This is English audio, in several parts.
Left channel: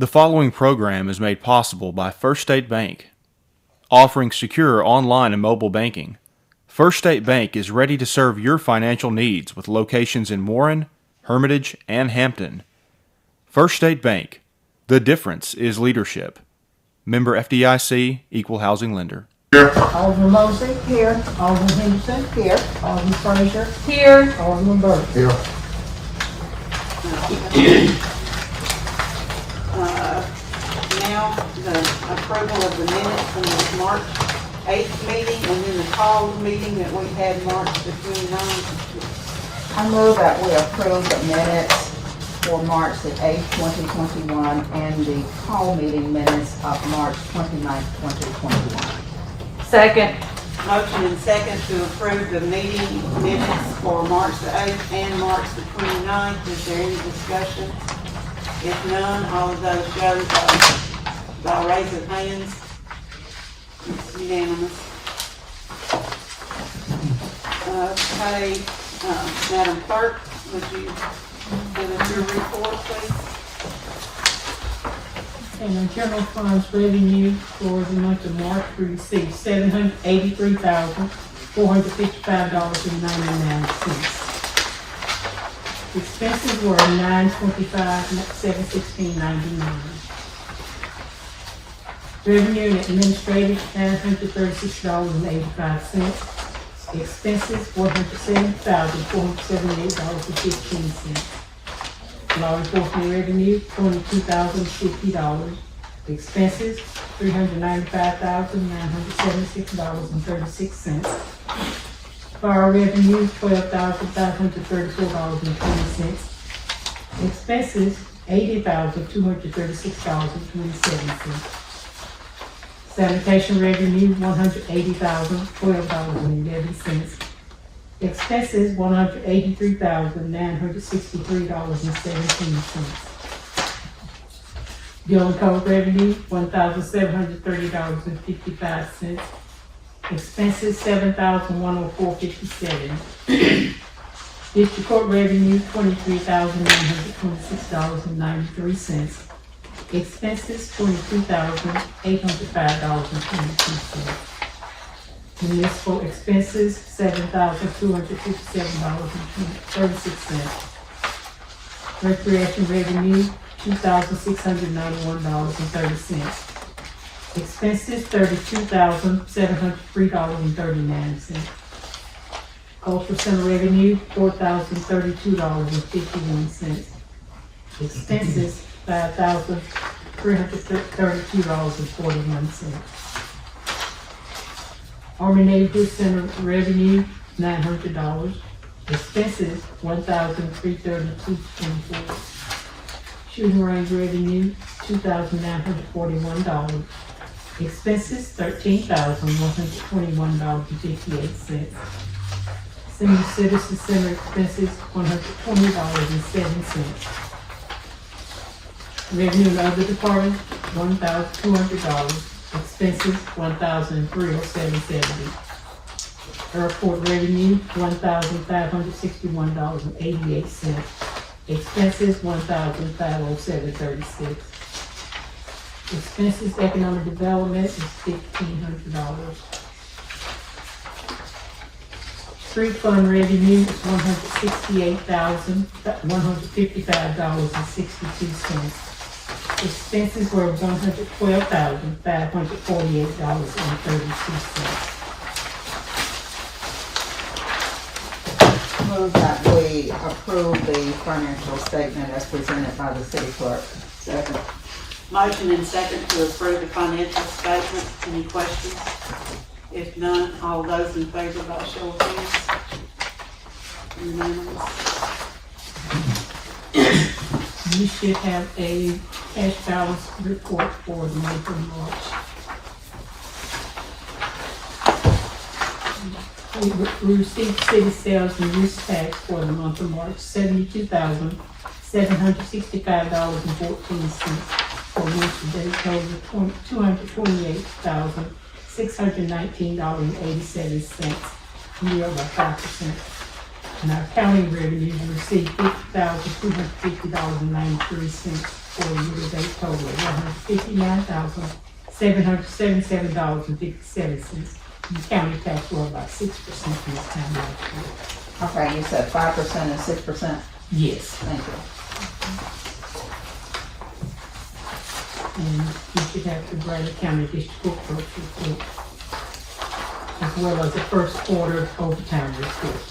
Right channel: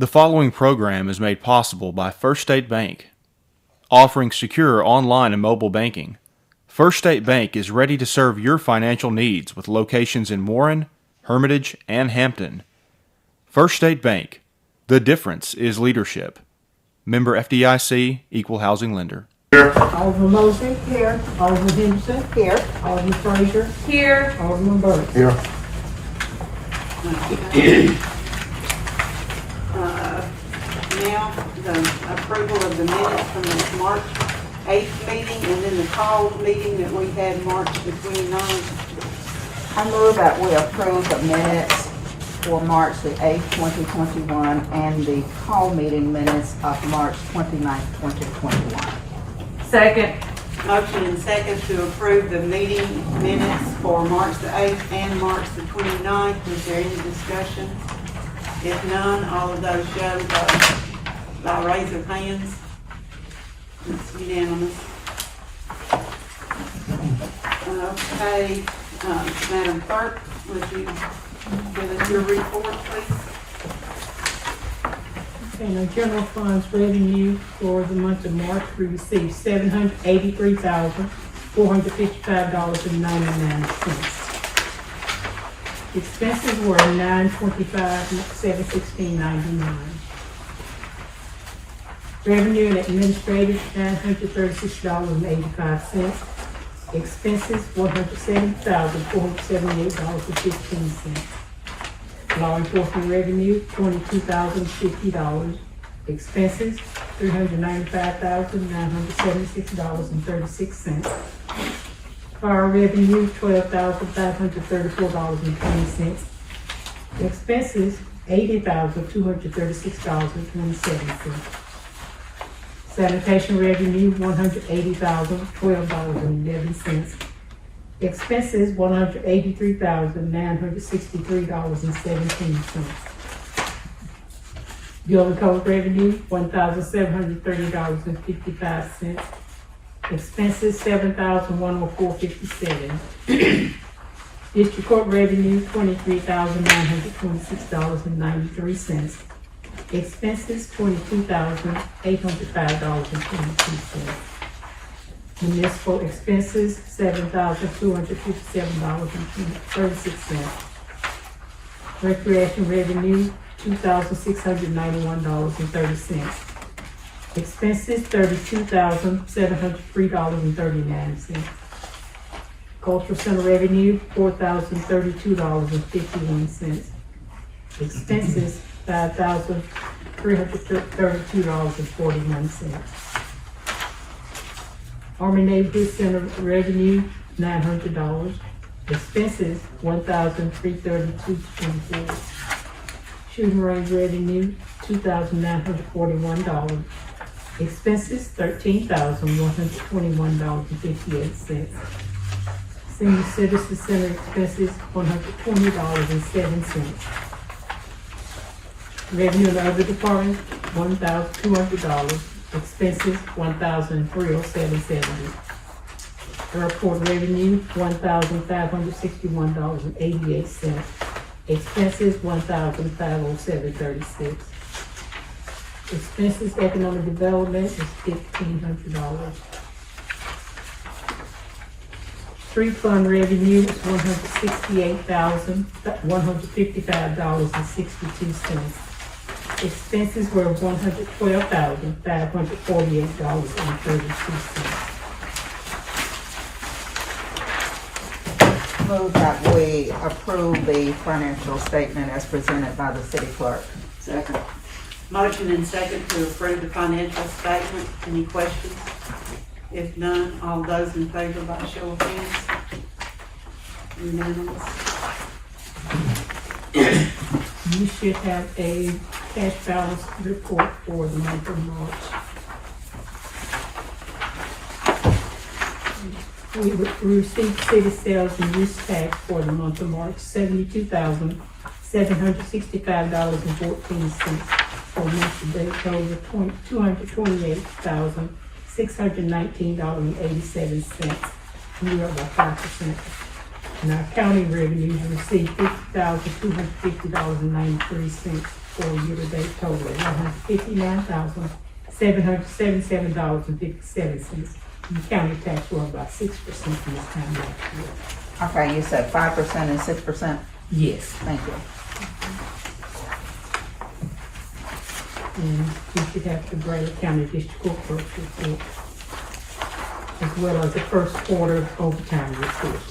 The following program is made possible by First State Bank, offering secure online and mobile banking. First State Bank is ready to serve your financial needs with locations in Warren, Hermitage, and Hampton. First State Bank. The difference is leadership. Member FDIC, Equal Housing Lender. Alderman Mosley. Here. Alderman Henderson. Here. Alderman Frazier. Here. Alderman Burke. Here. Now, the approval of the minutes from the March 8th meeting and then the called meeting that we had March the 29th. I move that we approve the minutes for March the 8th, 2021, and the call meeting minutes of March 29th, 2021. Second. Motion and second to approve the meeting minutes for March the 8th and March the 29th. Is there any discussion? If none, all of those show by raise of hands. It's unanimous. Okay, Madam Clerk, would you give us your report, please? And our general funds revenue for the month of March, we received $783,455.99. Expenses were $925,716.99. Revenue and administrative, $936.85. Expenses, $170,478.15. Law enforcement revenue, $22,050. Expenses, $395,976.36. Fire revenue, $12,534.20. Expenses, $80,236.27. Sanitation revenue, $180,012.11. Expenses, $183,963.17. Bill and cover revenue, $1,730.55. Expenses, $7,104.57. District court revenue, $23,926.93. Expenses, $22,805.22. Municipal expenses, $7,257.36. Recreation revenue, $2,691.30. Expenses, $32,703.39. Cultural center revenue, $4,032.51. Expenses, $5,332.41. Army Navy Center revenue, $900. Expenses, $1,332.24. Shooting range revenue, $2,941. Expenses, $13,121.58. Senior Citizen Center expenses, $120.07. Revenue and other departments, $1,200. Expenses, $1,307.70. Airport revenue, $1,561.88. Expenses, $1,507.36. Expenses, economic development is $1,500. Street fund revenue is $168,155.62. Expenses were $112,548.32. Move that we approve the financial statement as presented by the city clerk. Second. Motion and second to approve the financial statement. Any questions? If none, all those in favor by show of hands. Unanimous. You should have a cash balance report for the month of March. We received city sales and use tax for the month of March, $72,765.14, for which the total of $228,619.87, year by 5%. And our county revenues received $50,250.93, for a year-to-date total of $159,777.57. And the county tax were about 6% this time last year. Okay, you said 5% and 6%? Yes, Thank you. and we should have the Brazos County District Court clerk's report, as well as the first quarter overtime report.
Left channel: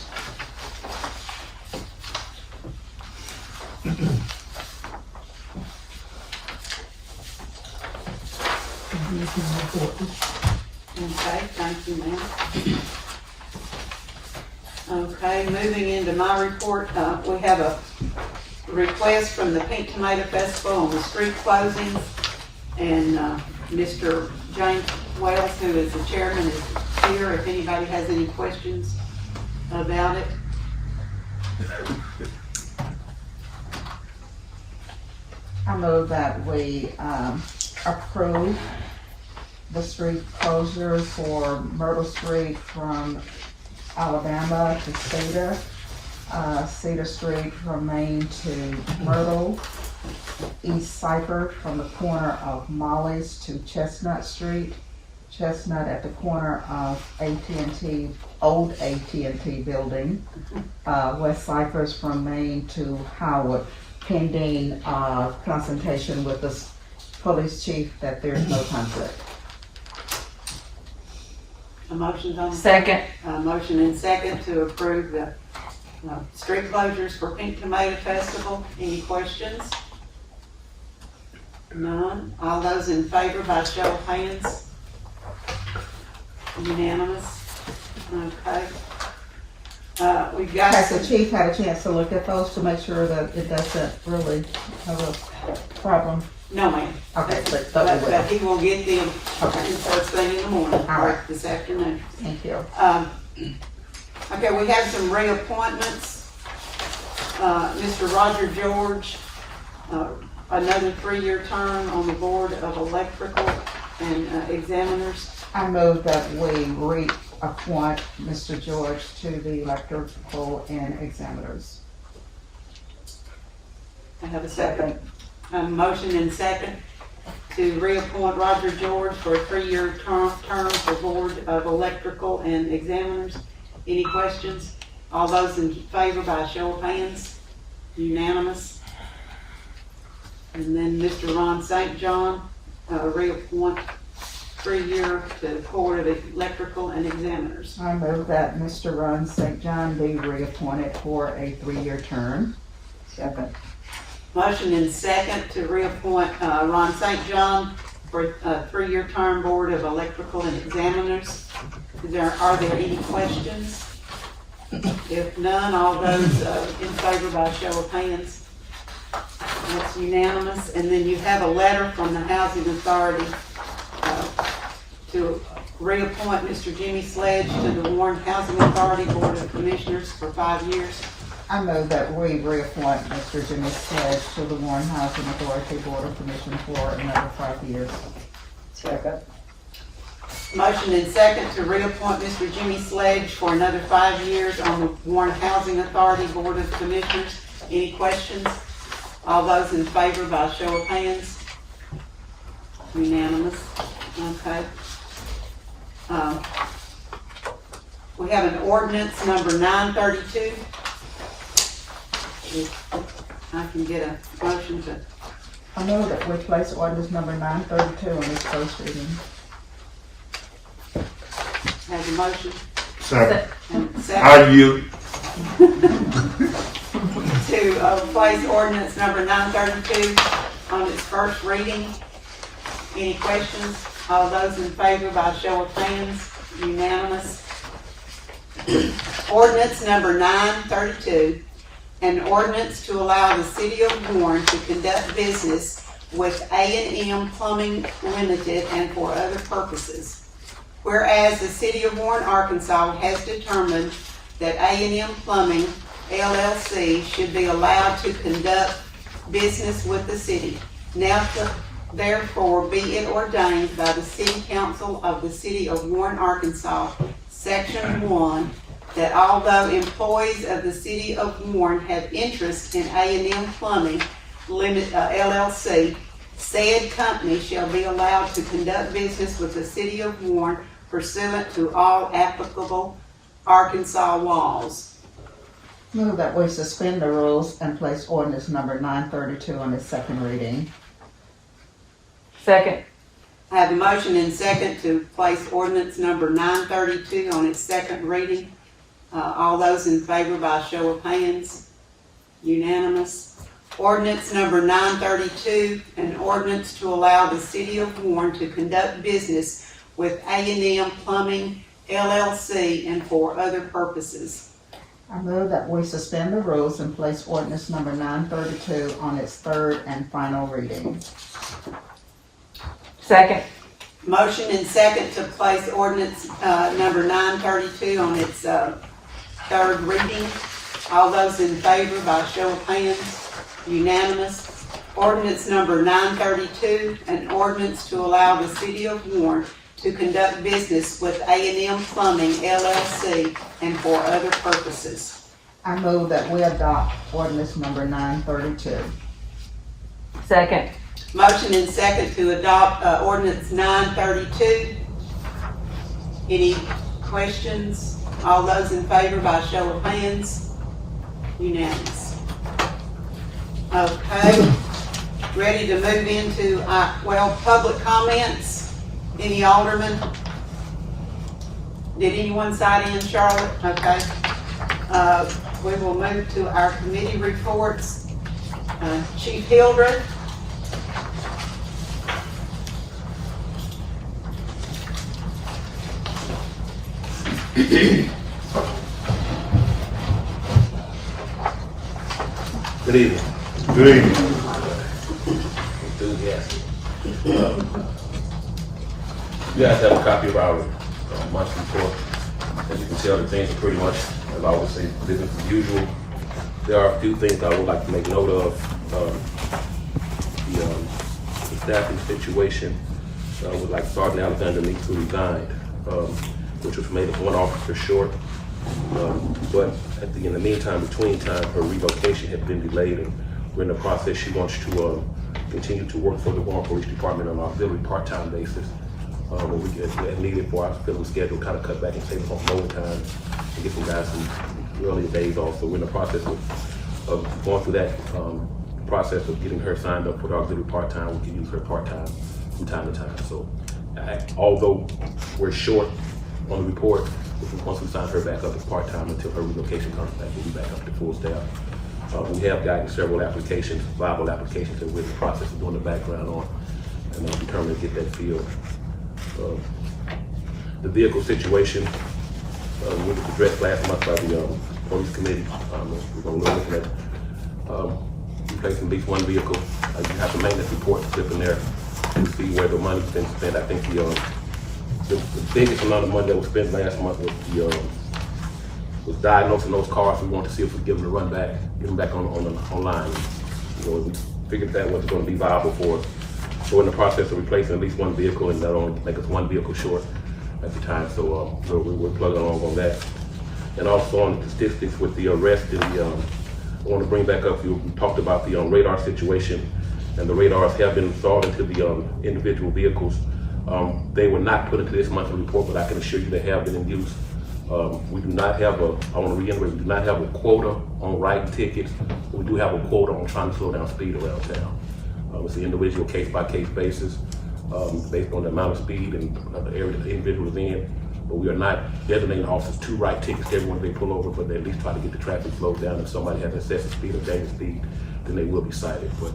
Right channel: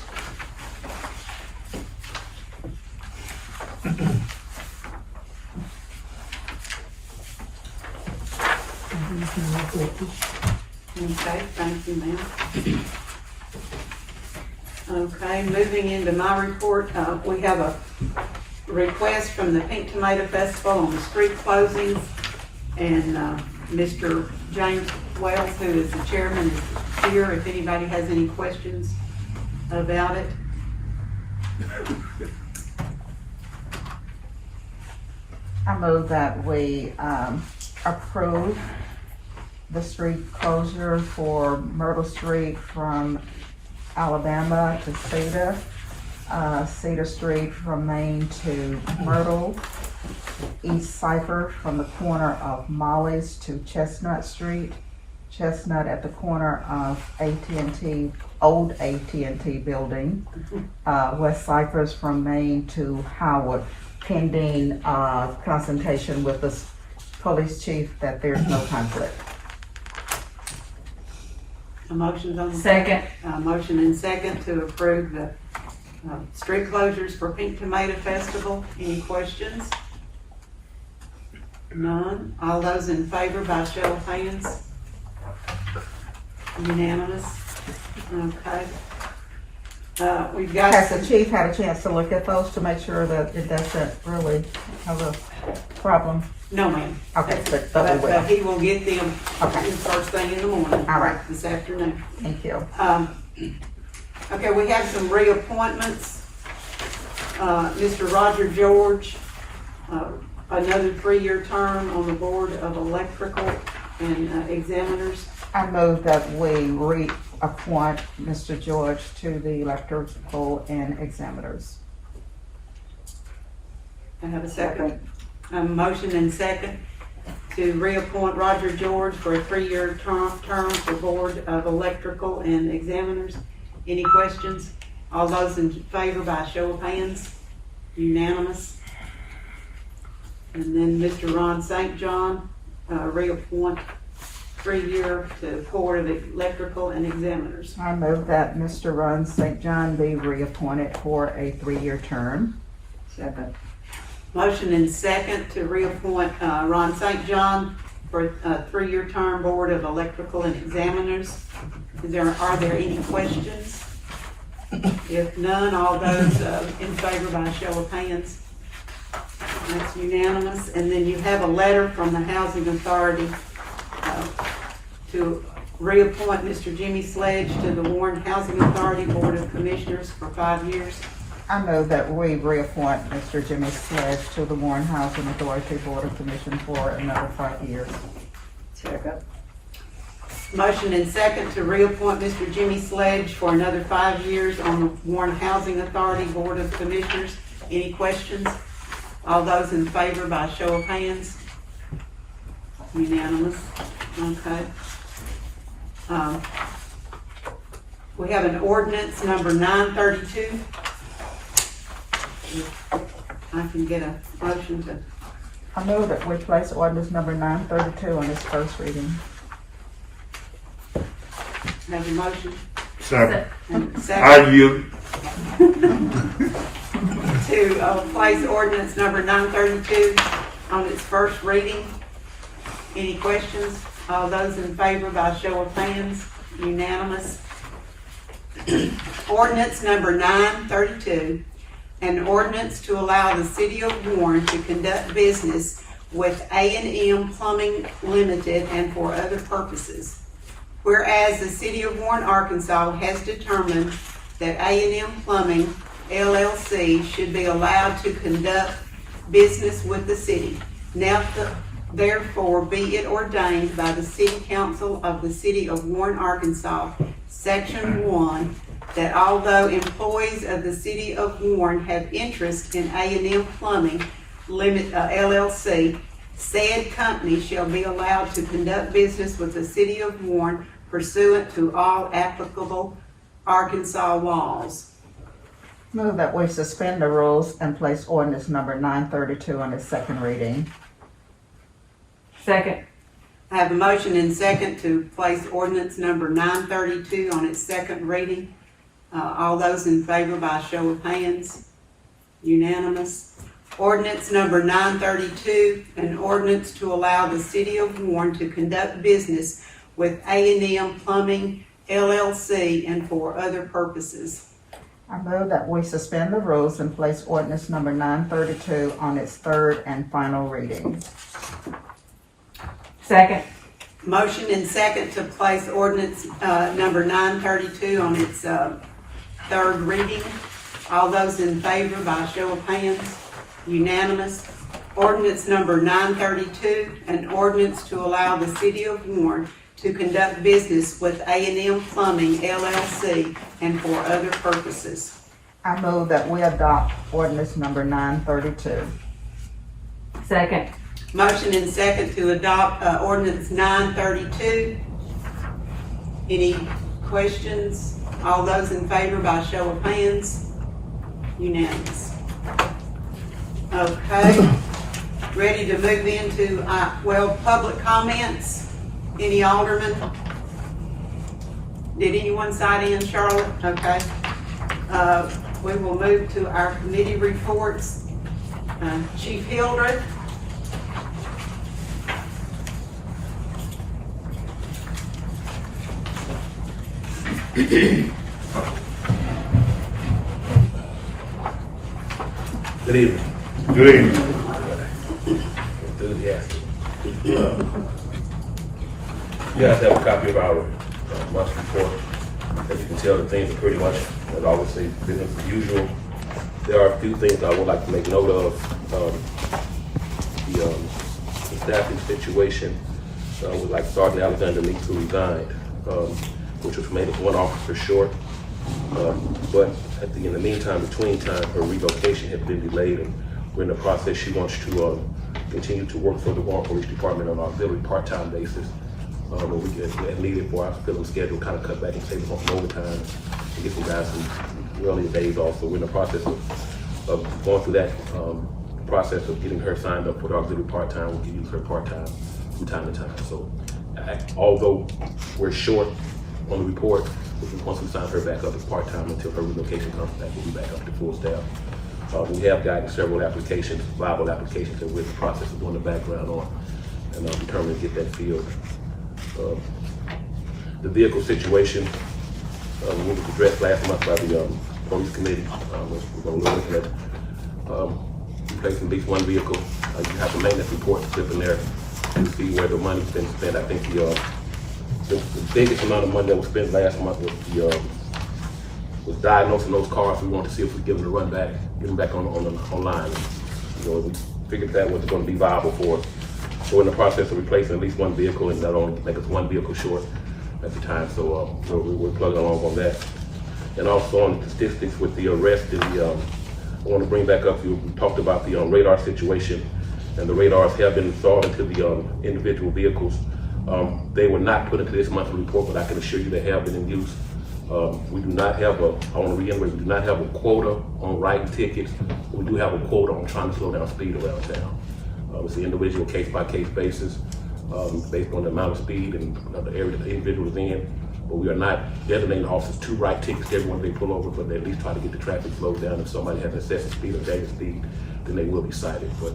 And here's my report. Okay, thank you, ma'am. Okay, moving into my report, we have a request from the Pink Tomato Festival on the street closings. And, Mr. James Wells, who is the chairman, is here if anybody has any questions about it. I move that we approve the street closure for Myrtle Street from Alabama to Cedar, Cedar Street from Main to Myrtle, East Cypher from the corner of Molly's to Chestnut Street, Chestnut at the corner of AT&T, old AT&T building, West Cyphers from Main to Howard, pending consultation with the police chief that there's no conflict. A motion's on the. Second. Motion and second to approve the street closures for Pink Tomato Festival. Any questions? None. All those in favor by show of hands? Unanimous. Okay. We've got. Has the chief had a chance to look at those to make sure that it doesn't really have a problem? No, ma'am. Okay, but But he will get them Okay. first thing in the morning, All right. this afternoon. Thank you. Okay, we have some reappointments. Mr. Roger George, another 3-year term on the Board of Electrical and Examiners. I move that we reappoint Mr. George to the electrical and examiners. I have a second. Motion and second to reappoint Roger George for a 3-year term for Board of Electrical and Examiners. Any questions? All those in favor by a show of hands? Unanimous. And then Mr. Ron St. John, reappoint 3-year to Board of Electrical and Examiners. I move that Mr. Ron St. John be reappointed for a 3-year term. Second. Motion and second to reappoint Ron St. John for a 3-year term Board of Electrical and Examiners. Are there any questions? If none, all those in favor by a show of hands. It's unanimous. And then you have a letter from the Housing Authority to reappoint Mr. Jimmy Sledge to the Warren Housing Authority Board of Commissioners for 5 years. I move that we reappoint Mr. Jimmy Sledge to the Warren Housing Authority Board of Commission for another 5 years. Second. Motion and second to reappoint Mr. Jimmy Sledge for another 5 years on the Warren Housing Authority Board of Commissioners. Any questions? All those in favor by show of hands? Unanimous. Okay. We have an ordinance number 932. If I can get a motion to, I move that we place ordinance number 932 on its first reading. have a motion Second. and a I second yield. to place ordinance number 932 on its first reading. Any questions? All those in favor by show of hands? Unanimous. Ordinance number 932, an ordinance to allow the city of Warren to conduct business with A&M Plumbing Limited and for other purposes. Whereas the city of Warren, Arkansas has determined that A&M Plumbing LLC should be allowed to conduct business with the city. Now therefore be it ordained by the City Council of the City of Warren, Arkansas, Section 1, that although employees of the City of Warren have interest in A&M Plumbing, LLC, said company shall be allowed to conduct business with the city of Warren pursuant to all applicable Arkansas laws. Move that we suspend the rules and place ordinance number 932 on its second reading. Second. I have a motion and second to place ordinance number 932 on its second reading. All those in favor by show of hands? Unanimous. Ordinance number 932, an ordinance to allow the city of Warren to conduct business with A&M Plumbing LLC and for other purposes. I move that we suspend the rules and place ordinance number 932 on its third and final reading. Second. Motion and second to place ordinance number 932 on its third reading. All those in favor by show of hands? Unanimous. Ordinance number 932, an ordinance to allow the city of Warren to conduct business with A&M Plumbing LLC and for other purposes. I move that we adopt ordinance number 932. Second. Motion and second to adopt ordinance 932. Any questions? All those in favor by show of hands? Unanimous. Okay, ready to move into, public comments? Any aldermen? Did anyone sign in, Charlotte? Okay. We will move to our committee reports. Chief Hildreth. Good evening. Good evening. Enthusiastic. You guys have a copy of our monthly report. As you can tell, the things are pretty much, as I always say, business as usual. There are a few things I would like to make note of. The staffing situation with like Sergeant Alexander Meeks, who resigned, which was made us one officer short. But in the meantime, between time, her relocation had been delayed, and we're in the process. She wants to continue to work for the Warren Police Department on an auxiliary part-time basis. When we get needed for our filling schedule, kind of cut back and save on some overtime and get some guys some earlier days off. So we're in the process of going through that process of getting her signed up for the auxiliary part-time. We can use her part-time from time to time. So although we're short on the report, once we sign her back up as part-time until her relocation comes back, we'll be back up to full staff. We have gotten several applications, viable applications that we're in the process of doing the background on, and determined to get that filled. The vehicle situation was addressed last month by the police committee. We're going to look at replacing at least one vehicle. You have the maintenance report slip in there to see where the money's been spent. I think the biggest amount of money that was spent last month was diagnosing those cars. We wanted to see if we give them a run back, get them back online. We figured that was going to be viable for us. So we're in the process of replacing at least one vehicle, and that only make us one vehicle short at the time. So we're plugging along on that. And also on the statistics with the arrest, and I want to bring back up, we talked about the radar situation, and the radars have been installed into the individual vehicles. They were not put into this monthly report, but I can assure you they have been in use. We do not have I want to reiterate, we do not have a quota on writing tickets. We do have a quota on trying to slow down speed around town. It's an individual case-by-case basis based on the amount of speed and the area that the individual is in. But we are not designating officers to write tickets to everyone they pull over, but they at least try to get the traffic slowed down. If somebody has excessive speed or dangerous speed, then they will be cited. But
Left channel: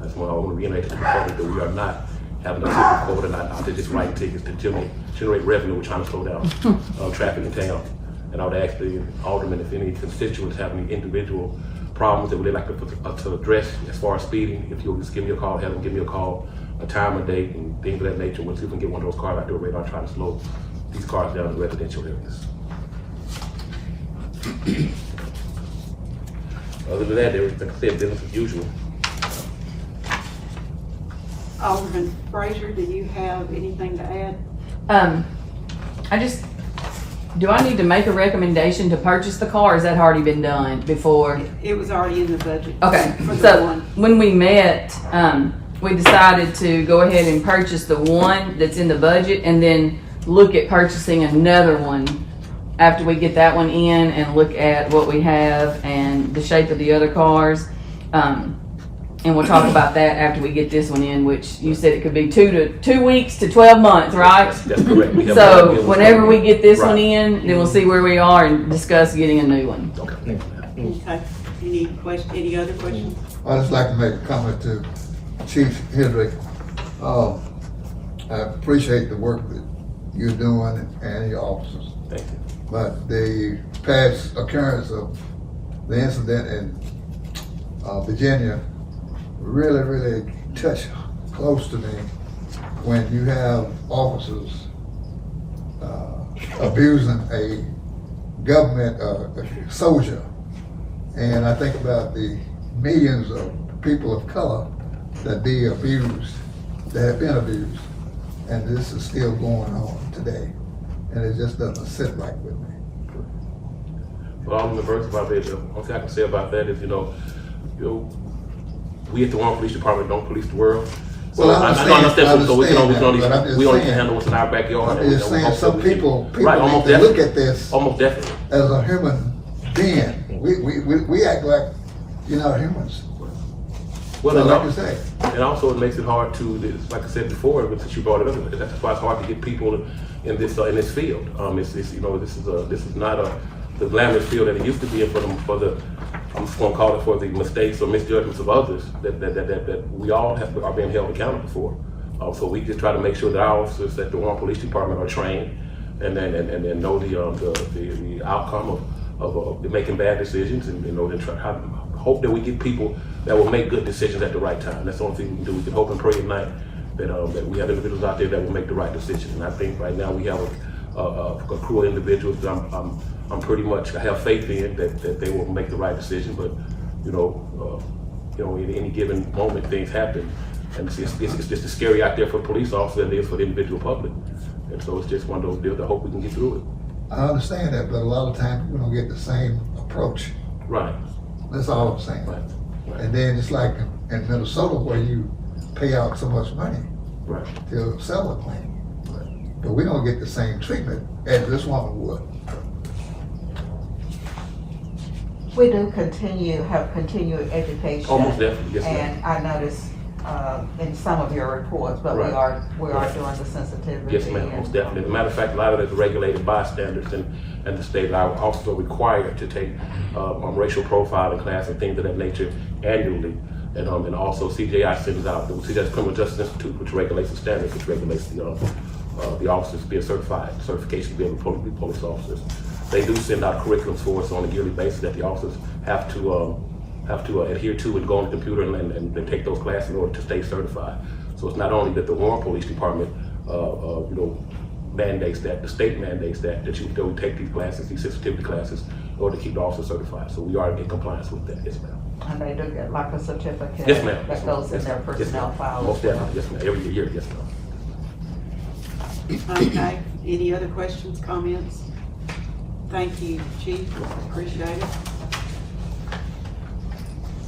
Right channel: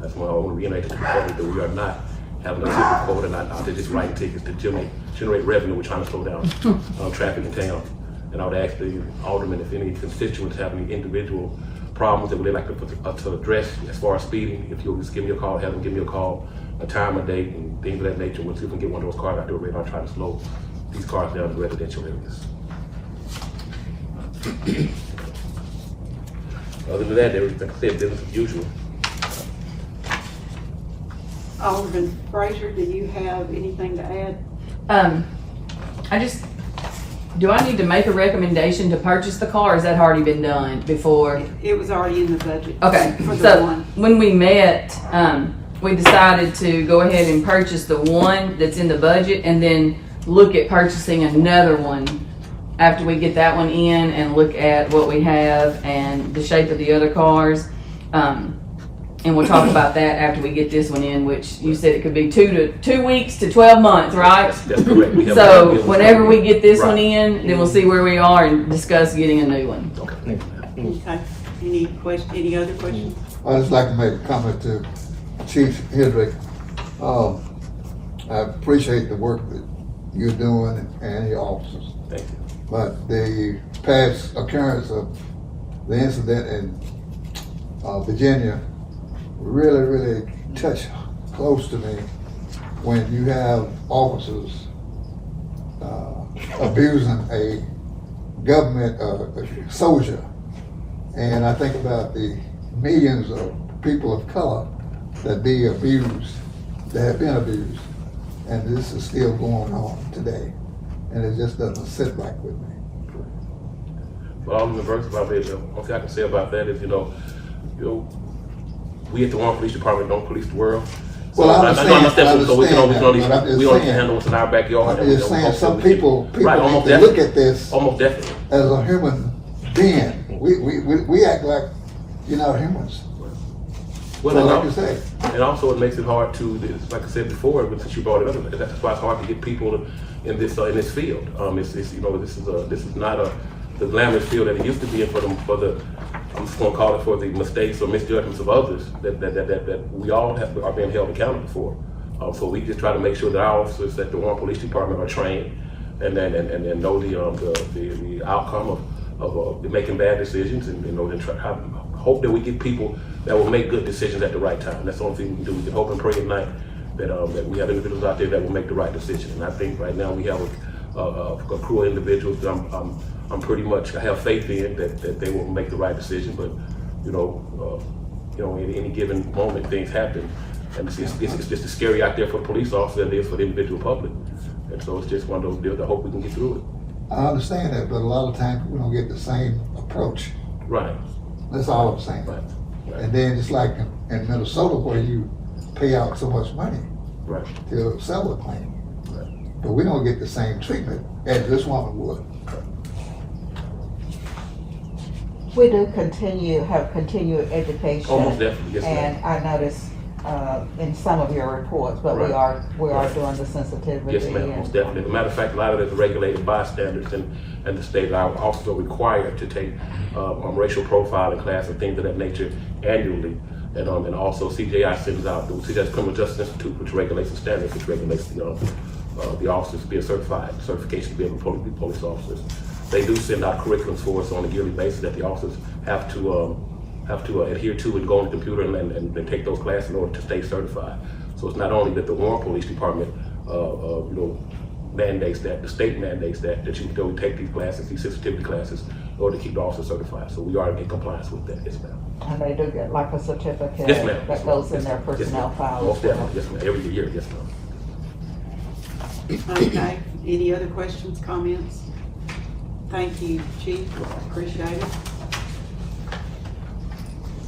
that's why I want to reiterate to the public that we are not having a ticket quota, not out there just writing tickets to generate revenue. We're trying to slow down traffic in town. And I would ask the aldermen if any constituents have any individual problems that would they like to address as far as speeding, if you'll just give me a call, have them give me a call, a time, a date, and things of that nature. We'll see if we can get one of those cars out there radar, trying to slow these cars down in residential areas. Other than that, everything I said, business as usual. Alderman Frazier, do you have anything to add? I just do I need to make a recommendation to purchase the car, or has that already been done before? It was already in the budget. Okay, For the so one. when we met, we decided to go ahead and purchase the one that's in the budget and then look at purchasing another one after we get that one in and look at what we have and the shape of the other cars. And we'll talk about that after we get this one in, which you said it could be 2 weeks to 12 months, right? That's correct. We have no idea So what's whenever going we get this one Right. in, then we'll see where we are and discuss getting a new one. Okay. Okay, any other questions? I'd just like to make a comment to Chief Hendrick. I appreciate the work that you're doing and your officers. Thank you. But the past occurrence of the incident in Virginia really touched close to me when you have officers abusing a government soldier. And I think about the millions of people of color that be abused, that have been abused. And this is still going on today. And it just doesn't sit right with me. Well, all in the verse about it, the only thing I can say about that is, we at the Warren Police Department don't police the world. So Well, I understand so we can only, that, but I'm just we only can saying- handle what's in our backyard. I'm just saying, some people Right, almost they look definitely. at this Almost definitely. as a human being. We act like you're not humans. Well, So and like al- you say, and also it makes it hard to, like I said before, but since you brought it up, that's why it's hard to get people in this field. This is not the glamorous field that it used to be in for the I'm just gonna call it for the mistakes or misjudgments of others that we all are being held accountable for. So we just try to make sure that our officers at the Warren Police Department are trained and know the outcome of making bad decisions and hope that we get people that will make good decisions at the right time. That's the only thing we can do. We can hope and pray at night that we have individuals out there that will make the right decision. And I think right now we have a crew of individuals that I'm pretty much, I have faith in that they will make the right decision. But in any given moment things happen, and it's just as scary out there for the police officer than it is for the individual public. And so it's just one of those deals. I hope we can get through it. I understand that, but a lot of times we don't get the same approach. Right. That's all I'm saying. Right. And then just like in Minnesota where you pay out so much money Right. to settle a claim. Right. But we don't get the same treatment as this woman would. We do have continuing education. Almost definitely, yes, ma'am. And I noticed, in some of your reports, but we Right. are Right. doing the sensitivity. Yes, ma'am, and- most definitely. As a matter of fact, a lot of it is regulated by standards and the state. Our officers are required to take racial profiling class and things of that nature annually. And also CJI sends out, the CJI's Criminal Justice Institute, which regulates the standards, which regulates the officers being certification to be able to be police officers. They do send out curriculums for us on a yearly basis that the officers have to adhere to and go on the computer and take those classes in order to stay certified. So it's not only that the Warren Police Department, mandates that, the state mandates that we take these classes, these sensitivity classes, in order to keep the officers certified. So we are in compliance with that, yes, ma'am. And they do get like a certificate. Yes, ma'am. Yes, That ma'am. goes in Yes, their ma'am. Yes, personnel ma'am. file. Most definitely, yes, ma'am. Every year, yes, ma'am. Okay, any other questions, comments? Thank you, Chief, appreciate it.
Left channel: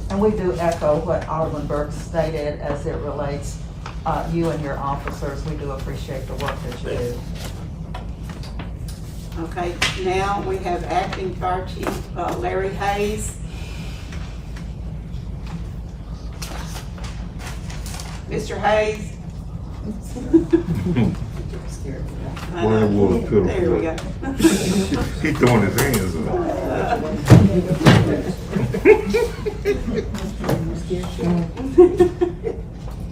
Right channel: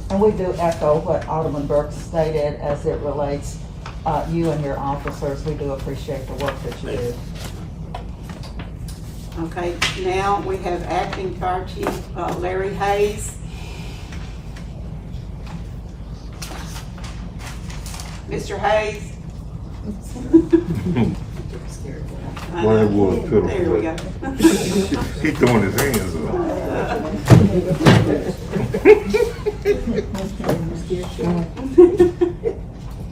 And we do echo what Alderman Burke stated as it relates, you and your officers, we do appreciate the work that you do. Okay, now we have Acting Fire Chief Larry Hayes. Mr. Hayes? Well, it was pitiful. There we go. He throwing his hands up.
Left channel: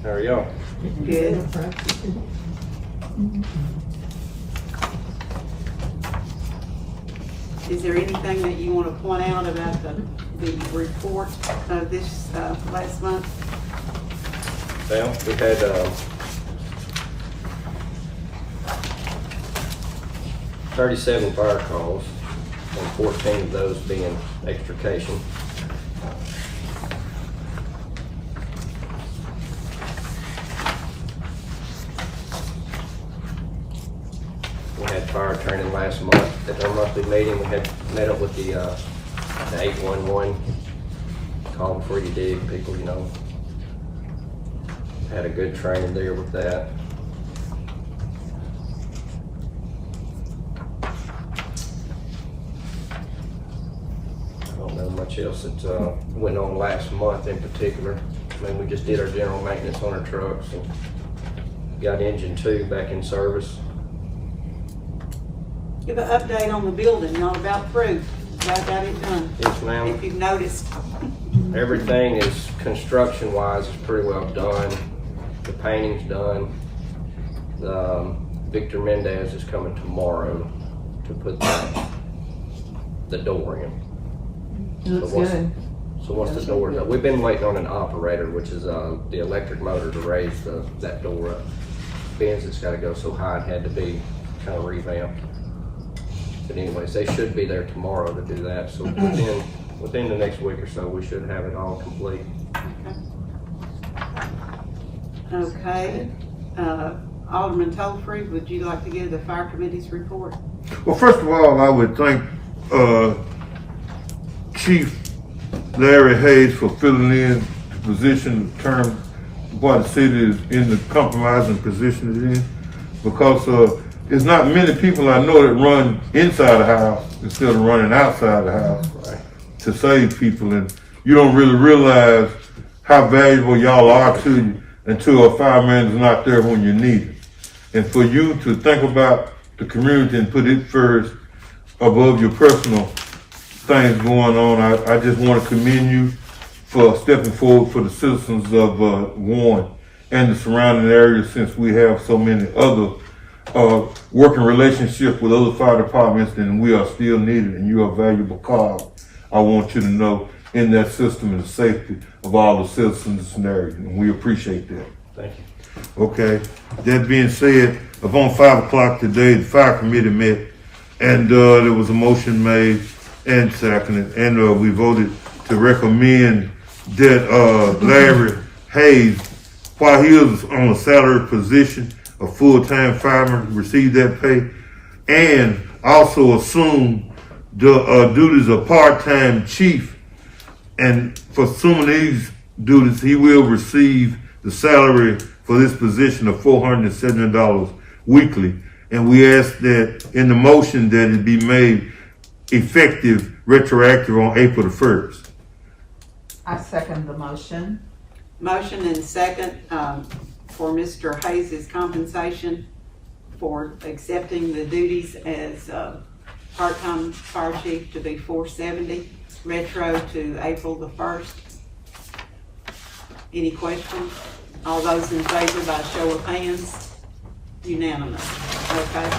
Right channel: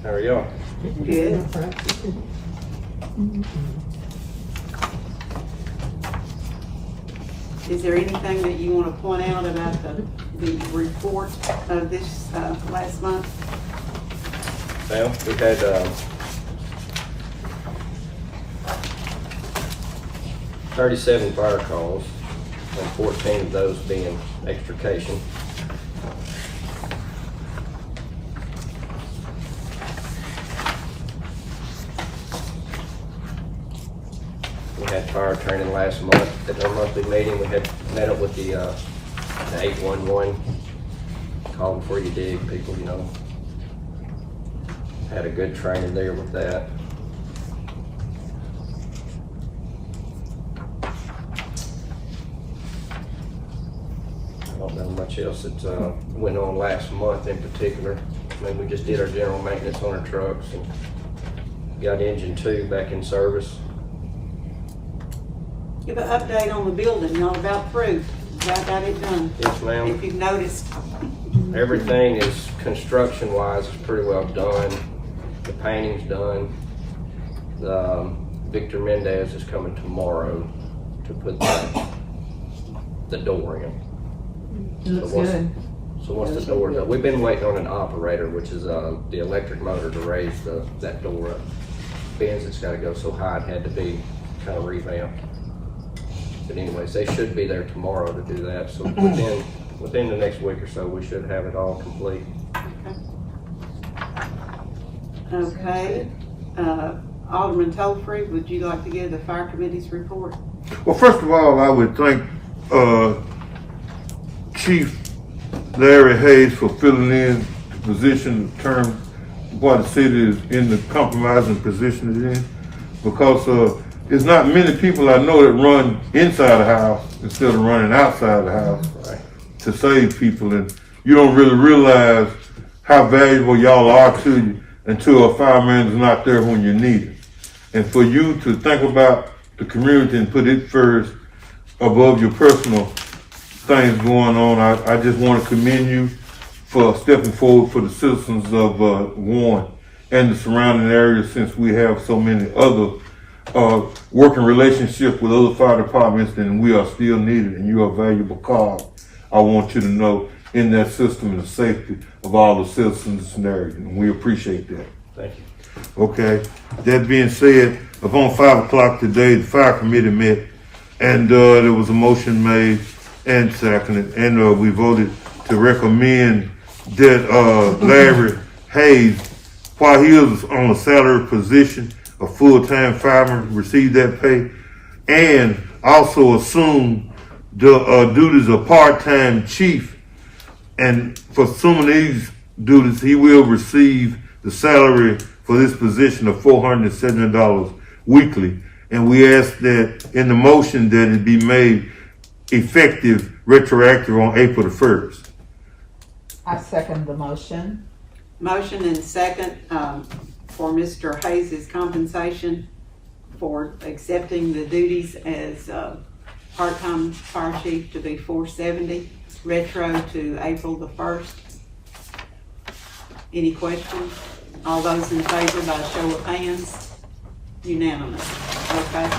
How are y'all? Good. Is there anything that you want to point out about the report of this last month? Well, we had, 37 fire calls, and 14 of those being extrication. We had fire training last month. At our monthly meeting, we had met up with the 811, call before you dig, people, you know. Had a good training there with that. I don't know much else that went on last month in particular. I mean, we just did our general maintenance on our trucks and got engine 2 back in service. Give an update on the building, y'all about through. Y'all got it done. Yes, ma'am. If you've noticed. Everything is, construction-wise, is pretty well done. The painting's done. Victor Mendez is coming tomorrow to put the door in. It looks So what's- good. So once the door, we've been waiting on an operator, which is the electric motor to raise that door up. Ben's, it's gotta go so high, it had to be kind of revamped. But anyways, they should be there tomorrow to do that, so within the next week or so, we should have it all complete. Okay. Alderman Tolfree, would you like to give the fire committee's report? Well, first of all, I would thank Chief Larry Hayes for filling in the position, the term why the city is in the compromising position it's in. Because there's not many people I know that run inside the house instead of running outside the house to save people. And you don't really realize how valuable y'all are to you until a fireman is not there when you need it. And for you to think about the community and put it first above your personal things going on, I just want to commend you for stepping forward for the citizens of Warren and the surrounding areas, since we have so many other working relationships with other fire departments, and we are still needed, and you are a valuable cog. I want you to know in that system and the safety of all the citizens in this area, and we appreciate that. Thank you. Okay, that being said, upon 5 o'clock today, the fire committee met, and there was a motion made and seconded, and we voted to recommend that Larry Hayes, while he is on a salary position, a full-time fireman, receive that pay, and also assume the duties of part-time chief. And for assuming these duties, he will receive the salary for this position of $470 weekly. And we ask that in the motion that it be made effective retroactive on April the 1st. I second the motion. Motion and second for Mr. Hayes' compensation for accepting the duties as part-time fire chief to be $470, retro to April the 1st. Any questions? All those in favor by show of hands? Unanimous. Okay.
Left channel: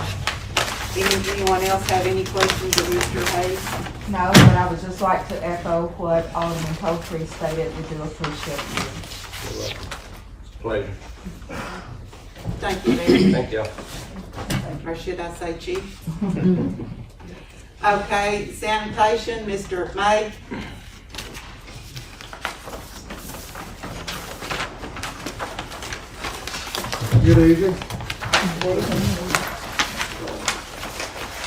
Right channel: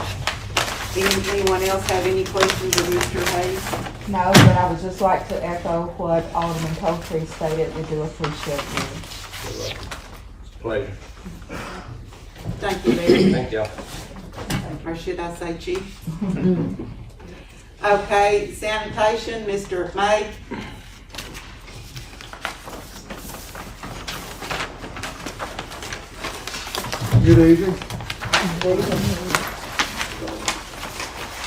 Anyone else have any questions of Mr. Hayes? No, but I would just like to echo what Alderman Tolfree stated. We do appreciate you. Pleasure. Thank you, Mayor. Thank y'all. Or should I say chief? Okay, sanitation, Mr. May. Good evening.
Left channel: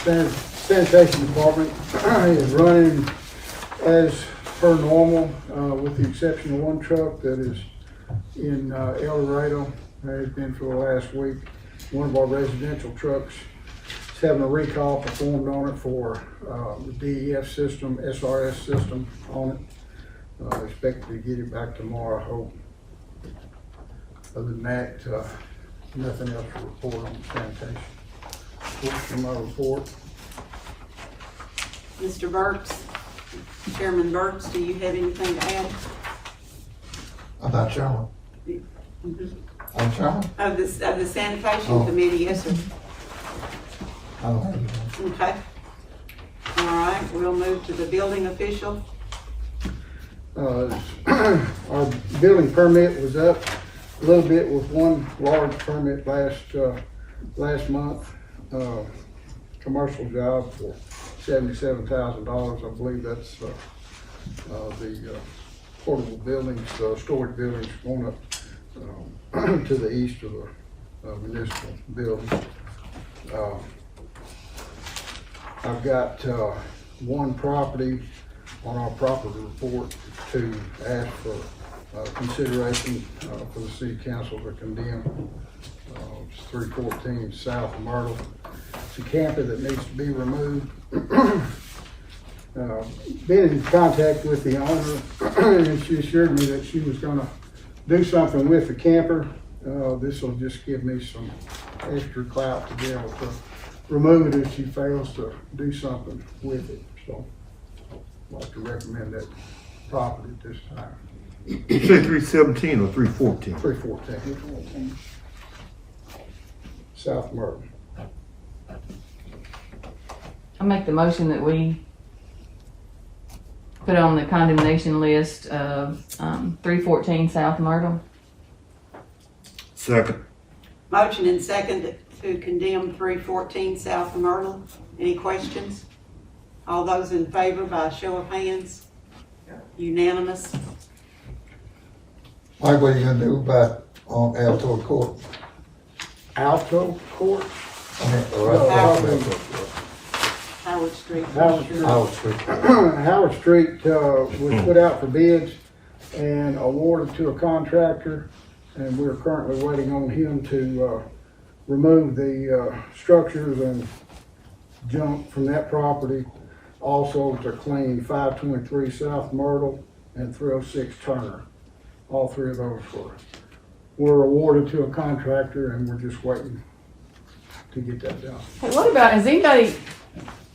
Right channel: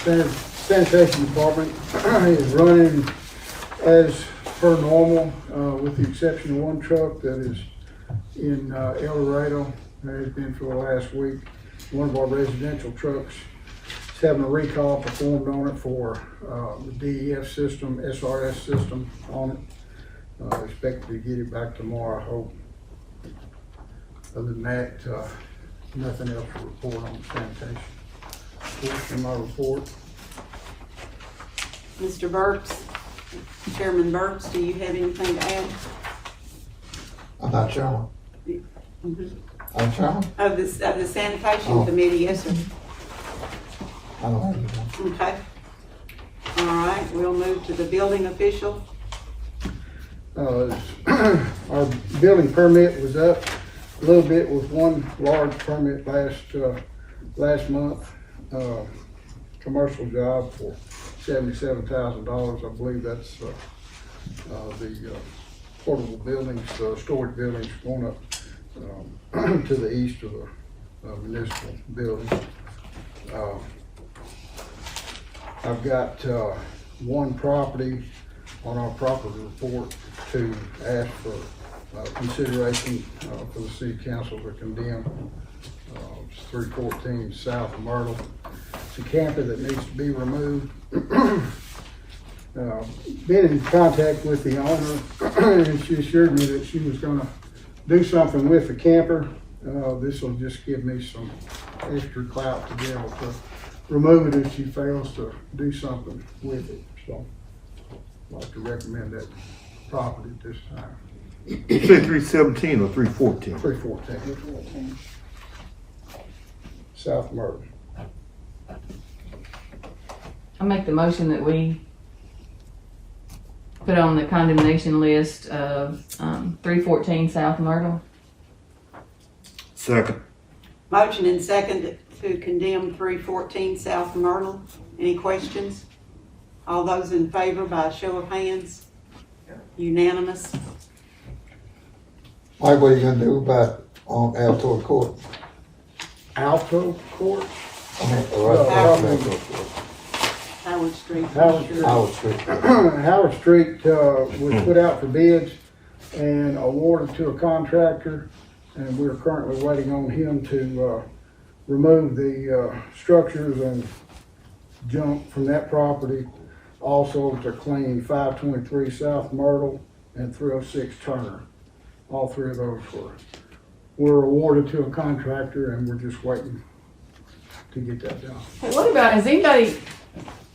Sanitation department is running as per normal, with the exception of one truck that is in El Dorado. Has been for the last week. One of our residential trucks is having a recall performed on it for the DEF system, SRS system on it. Expected to get it back tomorrow, I hope. Other than that, nothing else to report on sanitation. That's my report. Mr. Burks, Chairman Burks, do you have anything to add? I'm not chairman. I'm chairman? Of the sanitation Oh. committee, yes, sir. I don't have anything. Okay. All right, we'll move to the building official. Our building permit was up a little bit with one large permit last month. Commercial job for $77,000. I believe that's the portable buildings, storage buildings going up to the east of the municipal building. I've got, one property on our property report to ask for, consideration, for the city council to condemn. It's 314 South Myrtle. It's a camper that needs to be removed. Been in contact with the owner, and she assured me that she was gonna do something with the camper. This will just give me some extra clout to be able to remove it if she fails to do something with it. So I'd like to recommend that property at this time. You say 317 or 314? 314 South Myrtle. I make the motion that we put on the condemnation list of 314 South Myrtle. Second. Motion and second to condemn 314 South Myrtle. Any questions? All those in favor by show of hands? Unanimous. Mike, what are you gonna do about on Alto Court? Alto Court? Howard Street. Howard Street. Howard Street. Howard Street, was put out for bids and awarded to a contractor, and we're currently waiting on him to, remove the, structures and junk from that property. Also to clean 523 South Myrtle and 306 Turner. All three of those were awarded to a contractor, and we're just waiting to get that done. Hey, what about, has anybody,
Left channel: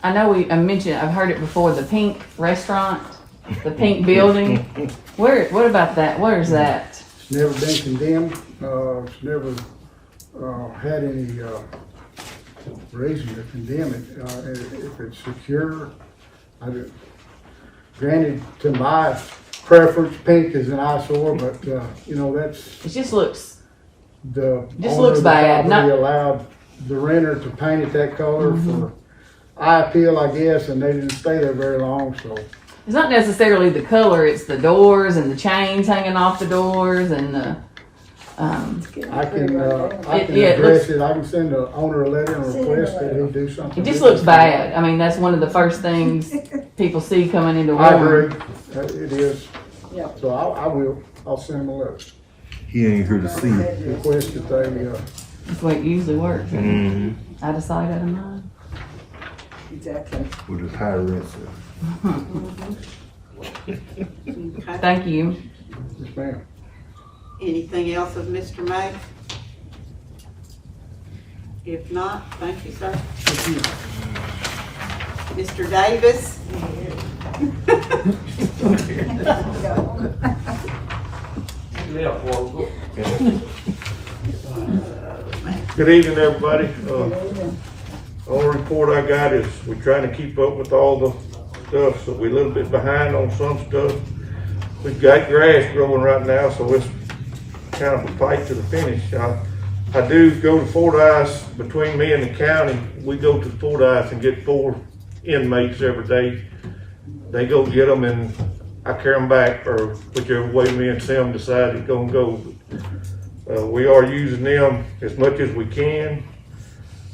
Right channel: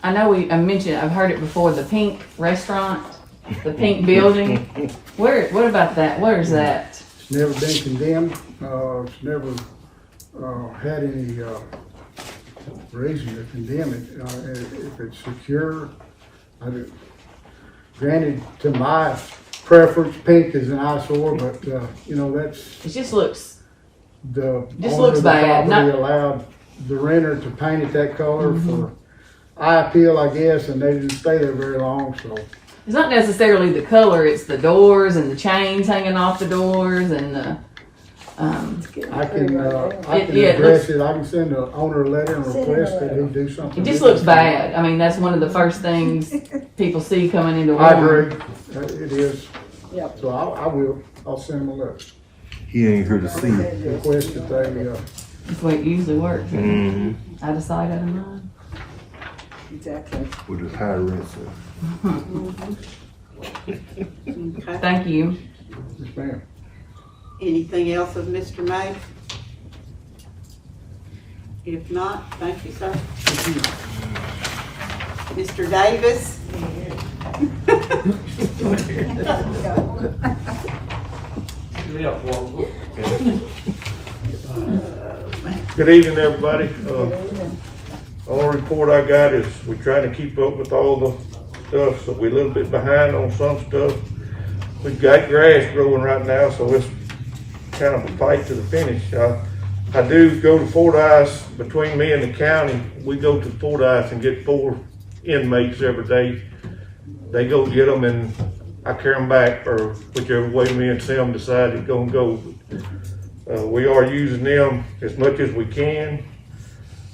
I know I mentioned, I've heard it before, the Pink Restaurant, the Pink Building. What about that? Where is that? It's never been condemned, it's never, had any, reason to condemn it. If it's secure, granted, to my preference, pink is an eyesore, but, you know, that's It just looks, the Just owner looks of the bad, property not- allowed the renter to paint it that color for eye appeal, I guess, and they didn't stay there very long, so. it's not necessarily the color, it's the doors and the chains hanging off the doors and the, I can Yeah, it address it, I can send the owner a letter and request that he do something. it just with looks bad. I mean, that's one of the first things people see coming into I Warren. agree, it is. Yep. So I'll send him a letter, He ain't here to see it. request that they, That's the way it usually works. Mm-hmm. Out of sight, out of mind. Exactly. With his high rents. Okay. Thank you. yes ma'am. Anything else of Mr. May? If not, thank you, sir. Mr. Davis? Good evening, everybody. Only report I got is we're trying to keep up with all the stuff, so we're a little bit behind on some stuff. We've got grass growing right now, so it's kind of a fight to the finish. I do go to Fordyce, between me and the county, we go to Fordyce and get 4 inmates every day. They go get them and I carry them back, or whichever way me and Sam decide it's gonna go. We are using them as much as we can.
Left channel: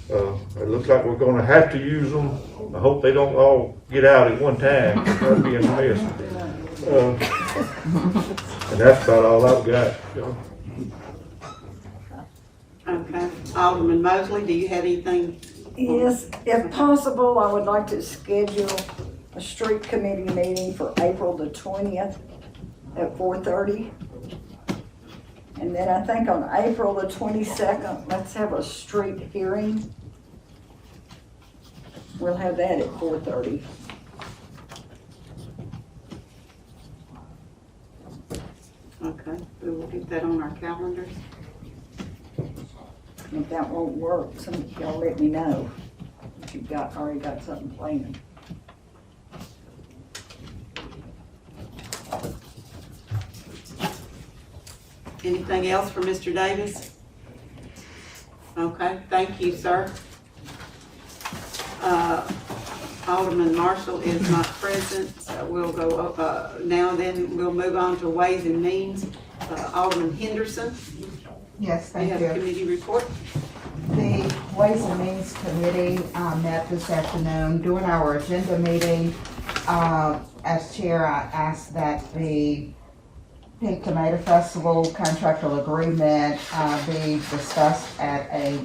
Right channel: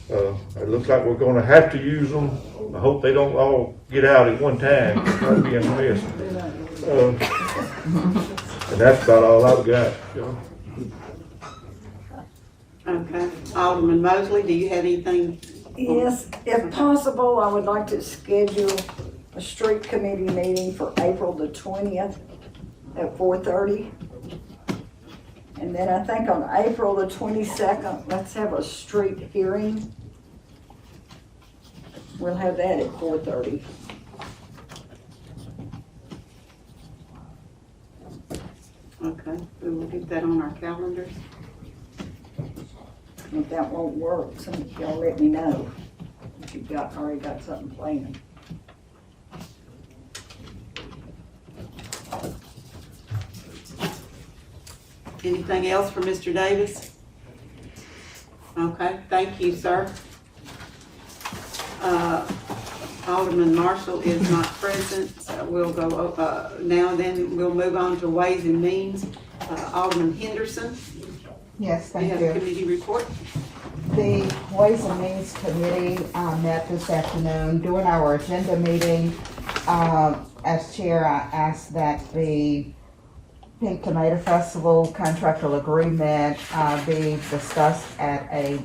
It looks like we're gonna have to use them. I hope they don't all get out at one time. That'd be a mess. And that's about all I've got. Okay. Alderman Mosley, do you have anything? Yes, if possible, I would like to schedule a street committee meeting for April the 20th at 4:30. And then I think on April the 22nd, let's have a street hearing. We'll have that at 4:30. Okay, we will get that on our calendars. If that won't work, some of y'all let me know if you've already got something planned. Anything else for Mr. Davis? Okay, thank you, sir. Alderman Marshall is not present, so we'll go, now then, we'll move on to Ways and Means. Alderman Henderson, Yes, you have thank a you. committee report? The Ways and Means Committee met this afternoon. During our agenda meeting, as chair, I asked that the Pink Tomato Festival contractual agreement be discussed at a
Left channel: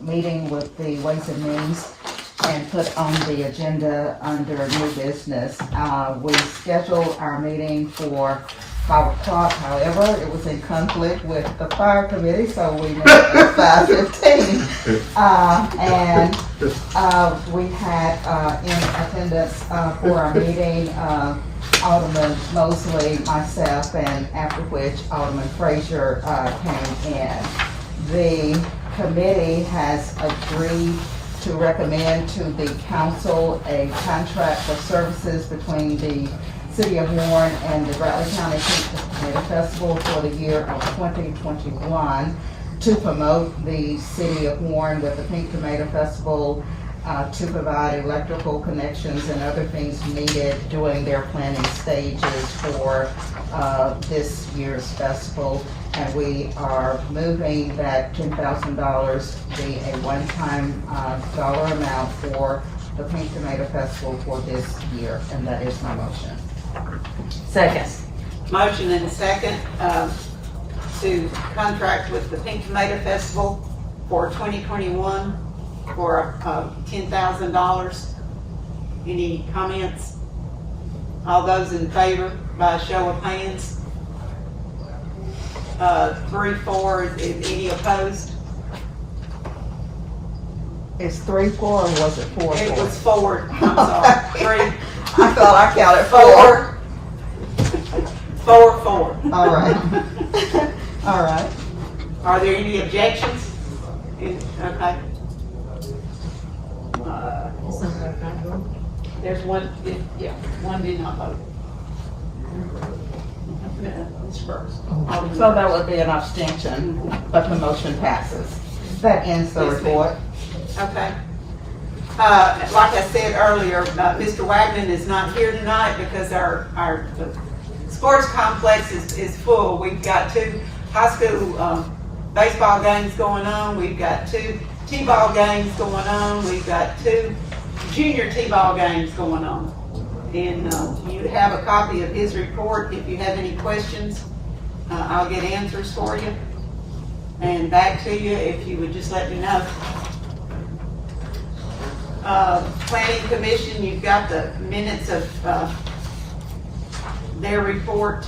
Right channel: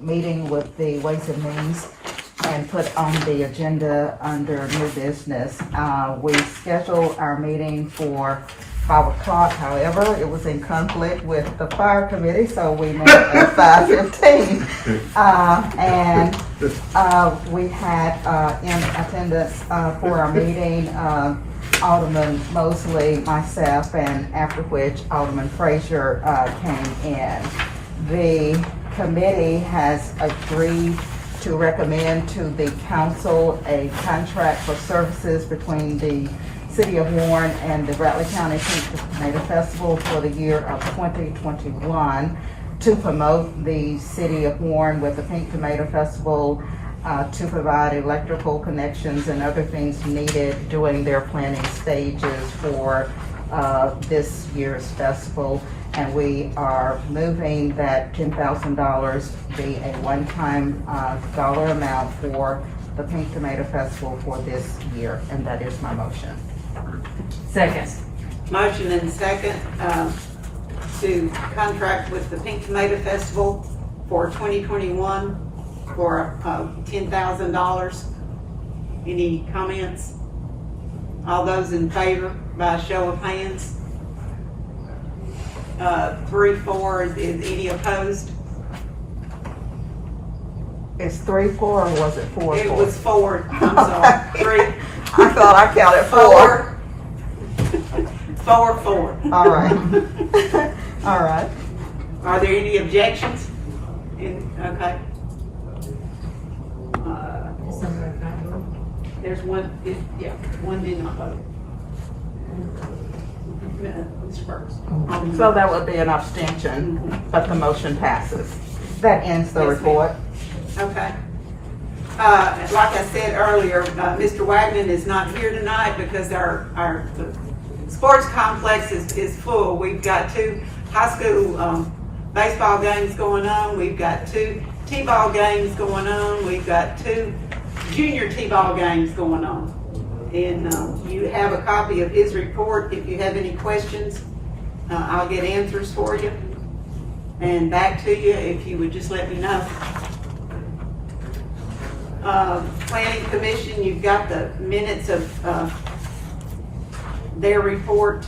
meeting with the Ways and Means and put on the agenda under new business. We scheduled our meeting for 5 o'clock, however, it was in conflict with the fire committee, so we met at 5:15. And we had in attendance for our meeting, Alderman Mosley, myself, and after which Alderman Frazier came in. The committee has agreed to recommend to the council a contract for services between the City of Warren and the Rattler County Pink Tomato Festival for the year of 2021 to promote the City of Warren with the Pink Tomato Festival, to provide electrical connections and other things needed during their planning stages for this year's festival. And we are moving that $10,000 be a one-time dollar amount for the Pink Tomato Festival for this year, and that is my motion. Second. Motion and second, to contract with the Pink Tomato Festival for 2021 for $10,000. Any comments? All those in favor by a show of hands? 3-4, is any opposed? Is 3-4 or was it 4-4? It was 4, I'm sorry, 3. I thought I counted 4. 4. All right. All right. Are there any objections? Okay. There's one, one did not vote. It's first. So that would be an abstention, but the motion passes. That ends the Yes, ma'am. report. Okay. Like I said earlier, Mr. Wagner is not here tonight because our sports complex is full. We've got 2 high school baseball games going on. We've got 2 t-ball games going on. We've got 2 junior t-ball games going on. And you have a copy of his report. If you have any questions, I'll get answers for you. And back to you if you would just let me know. Planning Commission, you've got the minutes of their report.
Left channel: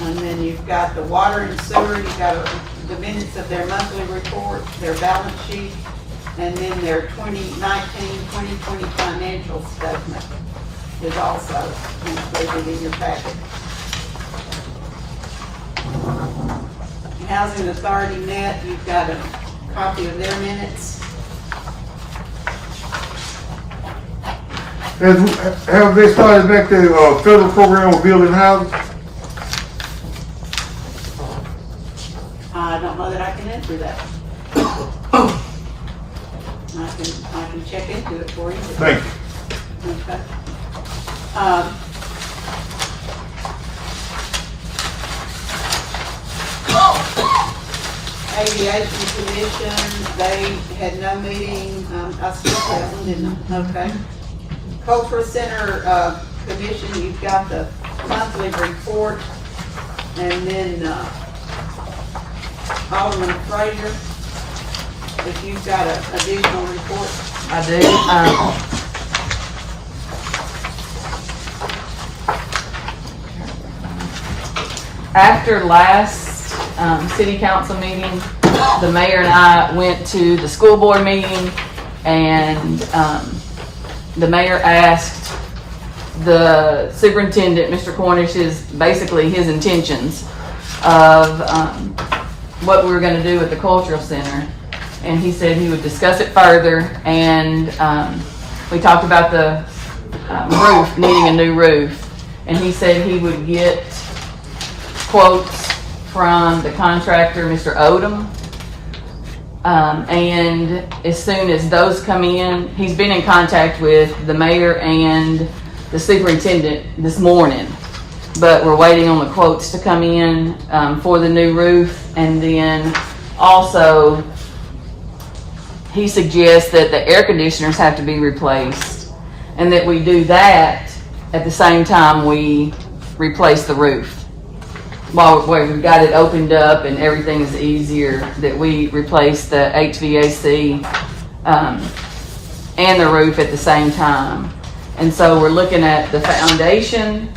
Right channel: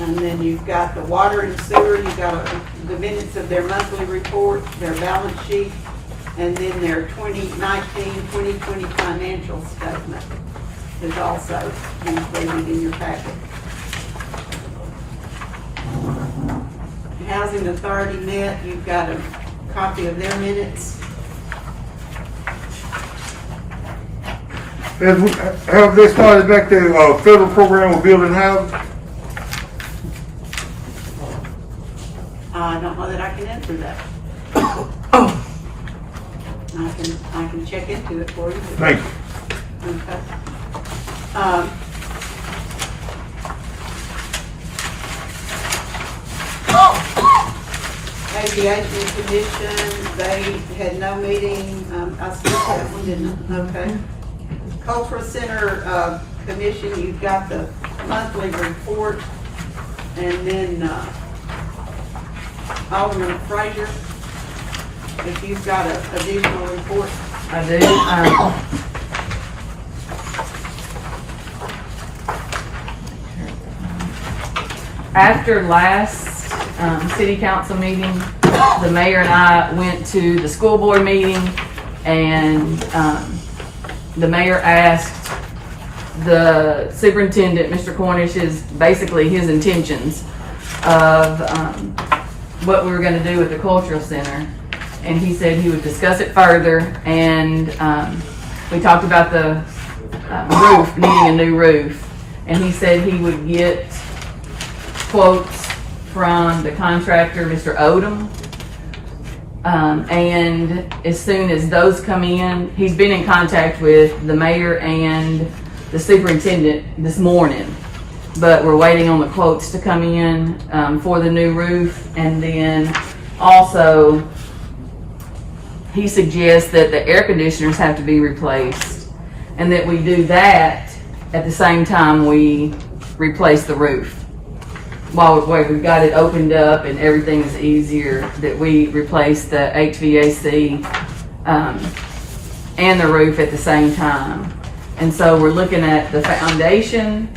And then you've got the water and sewer, you've got the minutes of their monthly report, their balance sheet, and then their 2019-2020 financial statement is also included in your packet. Housing Authority met, you've got a copy of their minutes. Have they started back their federal program of building houses? I don't know that I can answer that. I can check into it for you. Thank you. Okay. Aviation Commission, they had no meeting, I skipped that one, didn't I? Okay. Cultural Center, Commission, you've got the monthly report, and then, Alderman Frazier, if you've got an additional report. I do. After last city council meeting, the mayor and I went to the school board meeting, and the mayor asked the superintendent, Mr. Cornish, basically his intentions of what we were going to do with the cultural center. And he said he would discuss it further, and we talked about the roof, needing a new roof. And he said he would get quotes from the contractor, Mr. Odom. And as soon as those come in, he's been in contact with the mayor and the superintendent this morning. But we're waiting on the quotes to come in for the new roof, and then Also, he suggests that the air conditioners have to be replaced and that we do that at the same time we replace the roof. While we've got it opened up and everything is easier, that we replace the HVAC and the roof at the same time. And so we're looking at the foundation,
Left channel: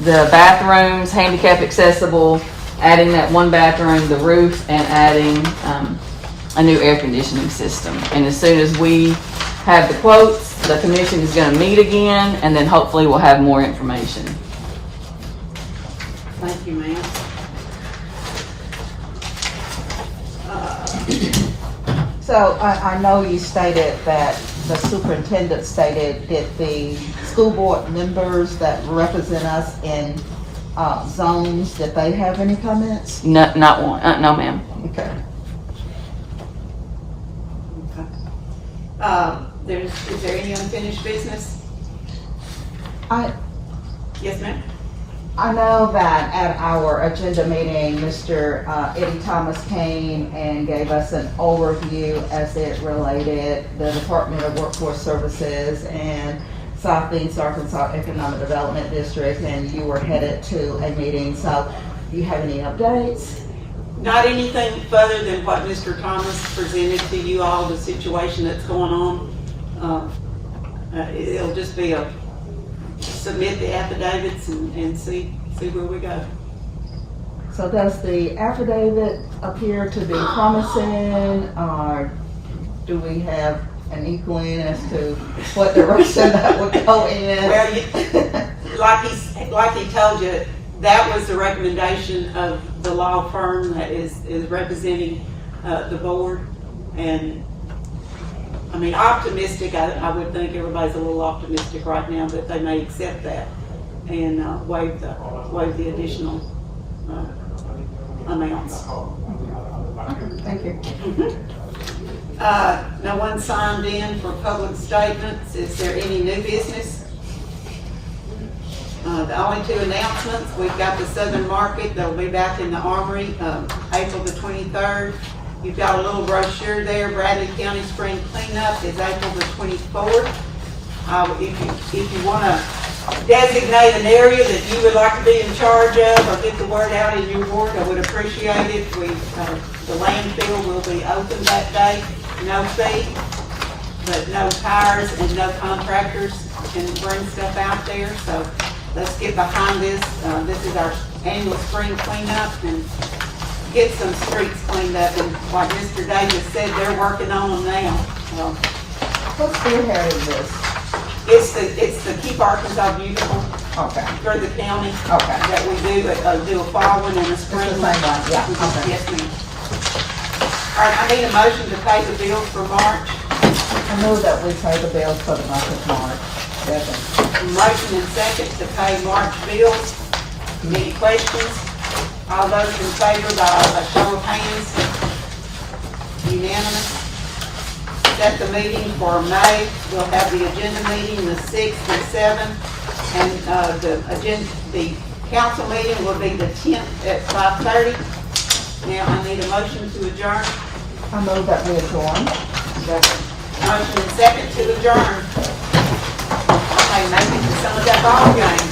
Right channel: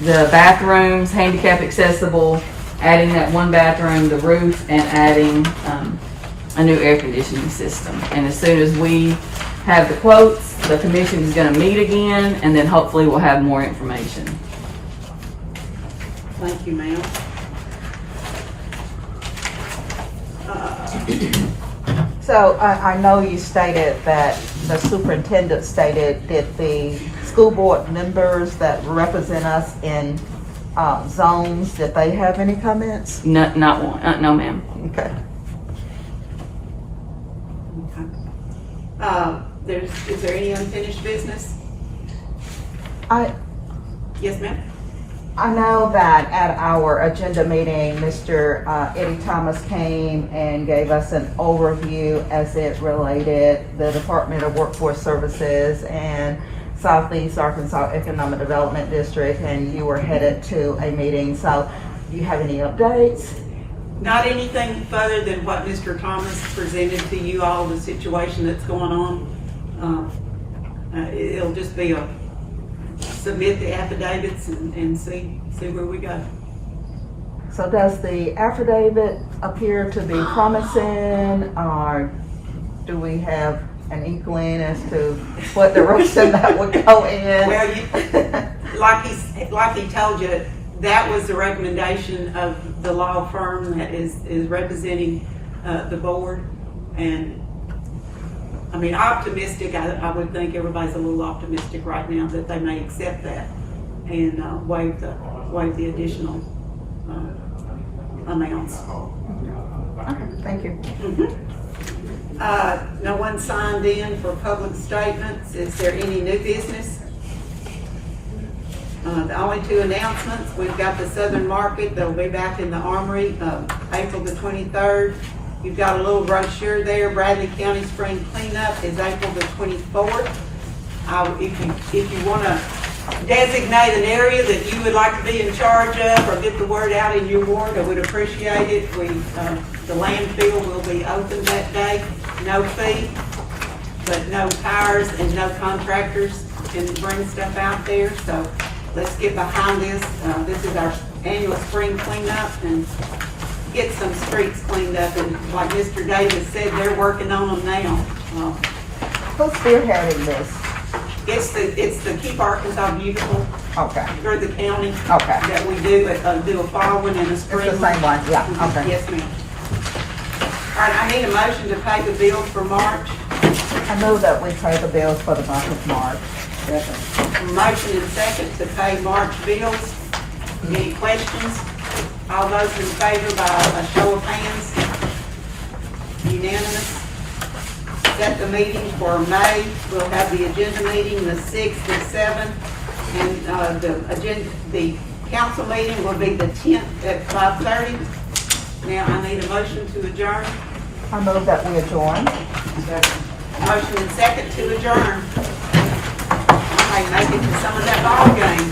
the bathrooms, handicap accessible, adding that one bathroom, the roof, and adding a new air conditioning system. And as soon as we have the quotes, the commission is going to meet again, and then hopefully we'll have more information. Thank you, ma'am. So I know you stated that the superintendent stated that the school board members that represent us in zones, that they have any comments? No, not one. No, ma'am. Okay. Is there any unfinished business? Yes, ma'am? I know that at our agenda meeting, Mr. Eddie Thomas came and gave us an overview as it related the Department of Workforce Services and Southeast Arkansas Economic Development District, and you were headed to a meeting. So do you have any updates? Not anything further than what Mr. Thomas presented to you all, the situation that's going on. It'll just be submit the affidavits and see where we go. So does the affidavit appear to be promising, or do we have an inkling as to what direction that would go in? Well, like he told you, that was the recommendation of the law firm that is representing the board. And I mean, optimistic, I would think everybody's a little optimistic right now that they may accept that and waive the additional amounts. Thank you. No one signed in for public statements. Is there any new business? The only two announcements, we've got the Southern Market, they'll be back in the Armory, April the 23rd. You've got a little brochure there. Bradley County Spring Cleanup is April the 24th. If you want to designate an area that you would like to be in charge of or get the word out in your ward, I would appreciate it. The landfill will be open that day, no fee, but no tires and no contractors can bring stuff out there. So let's get behind this. This is our annual spring cleanup and get some streets cleaned up. And like Mr. Davis said, they're working on them now. Who's spearheading this? It's the Keep Arkansas Beautiful Okay. for the county Okay. that we do a fall one and a spring It's the one. same one, yeah, okay. Yes, ma'am. All right, I need a motion to pay the bills for March. I know that we pay the bills for the month of March. Definitely. Motion and second to pay March bills. Any questions? All those in favor by a show of hands? Unanimous. Set the meeting for May. We'll have the agenda meeting the 6th and 7th. And the council meeting will be the 10th at 5:30. Now I need a motion to adjourn. I move that we adjourn. Motion and second to adjourn. Okay, make it to some of that ball game.